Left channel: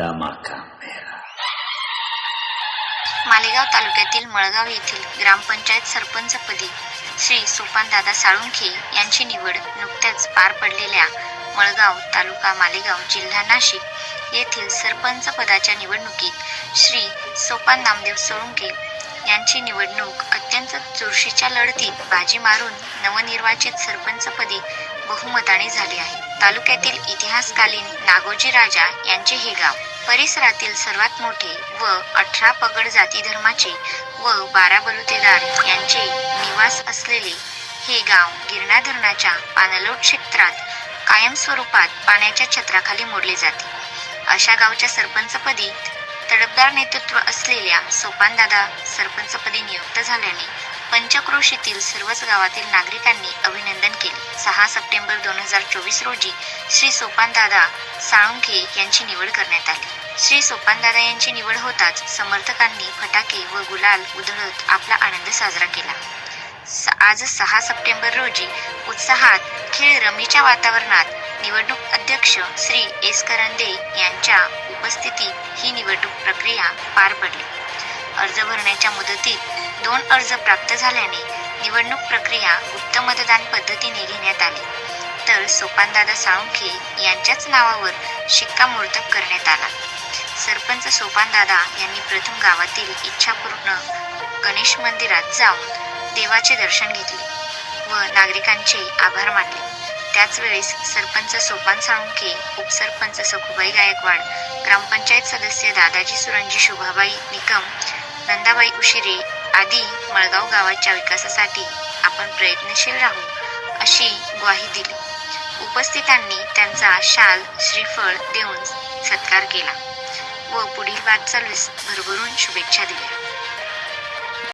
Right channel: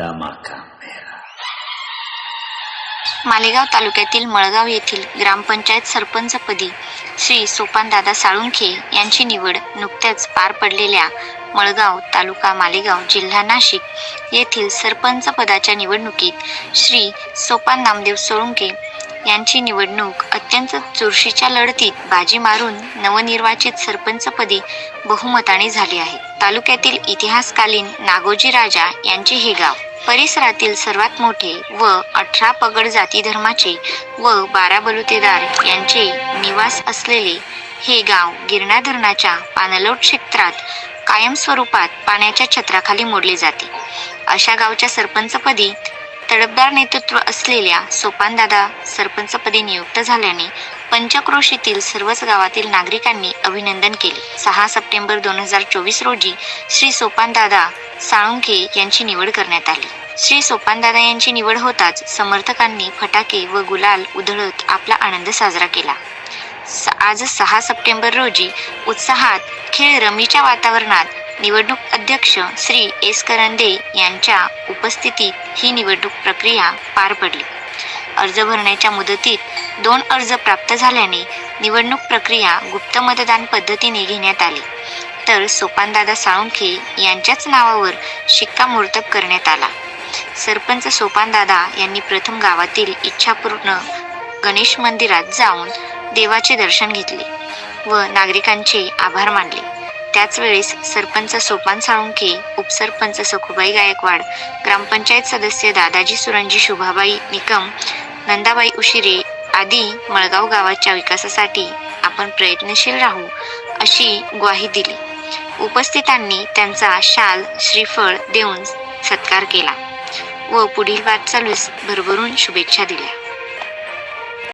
दमाका मालेगाव तालुक्यातील मळगाव येथील ग्रामपंचायत सरपंचपदी श्री सोपानदादा साळुंखे यांची निवड नुकत्याच पार पडलेल्या मळगाव तालुका मालेगाव जिल्हा नाशिक येथील सरपंच पदाच्या निवडणुकीत श्री सोपान नामदेव सोळुंके यांची निवडणूक अत्यंत चुरशीच्या लढतीत बाजी मारून नवनिर्वाचित सरपंचपदी बहुमताने झाली आहे. तालुक्यातील इतिहासकालीन नागोजी राजा यांचे हे गाव परिसरातील सर्वात मोठे व अठरा पगड जाती धर्माचे व बारा बलुतेदार यांचे निवास असलेले हे गाव गिरणा धरणाच्या पाणलोट क्षेत्रात कायमस्वरूपात पाण्याच्या छत्राखाली मोडले जाते. अशा गावच्या सरपंचपदी तडफदार नेतृत्व असलेल्या सोपानदादा सरपंचपदी नियुक्त झाल्याने पंचक्रोशीतील सर्वच गावातील नागरिकांनी अभिनंदन केले. सहा सप्टेंबर दोन हजार चोवीस रोजी श्री सोपानदादा साळुंखे यांची निवड करण्यात आली. श्री सोपानदादा यांची निवड होताच समर्थकांनी फटाके व गुलाल उधळत आपला आनंद साजरा केला. स- आज सहा सप्टेंबर रोजी उत्साहात खेळ रमीच्या वातावरणात निवडणूक अध्यक्ष श्री एस करंदे यांच्या उपस्थितीत ही निवडणूक प्रक्रिया पार पडली. अर्ज भरण्याच्या मुदतीत दोन अर्ज प्राप्त झाल्याने निवडणूक प्रक्रिया गुप्त मतदान पद्धतीने घेण्यात आली. तर सोपानदादा साळुंखे यांच्याच नावावर शिक्कामोर्तब करण्यात आला. सरपंच सोपानदादा यांनी प्रथम गावातील इच्छापूर्ण गणेश मंदिरात जाऊन देवाचे दर्शन घेतले व नागरिकांचे आभार मानले. त्याचवेळेस सरपंच सोपान साळुंखे उपसरपंच सखुबाई गायकवाड ग्रामपंचायत सदस्य दादाजी सुरंजी शुभाबाई निकम नंदाबाई उशिरे आधी मळगाव गावाच्या विकासासाठी आपण प्रयत्नशील राहू अशी ग्वाही दिली. उपस्थितांनी त्यांचा शाल श्रीफळ देऊन सत्कार केला व पुढील वाटचालीस भरभरून शुभेच्छा दिल्या.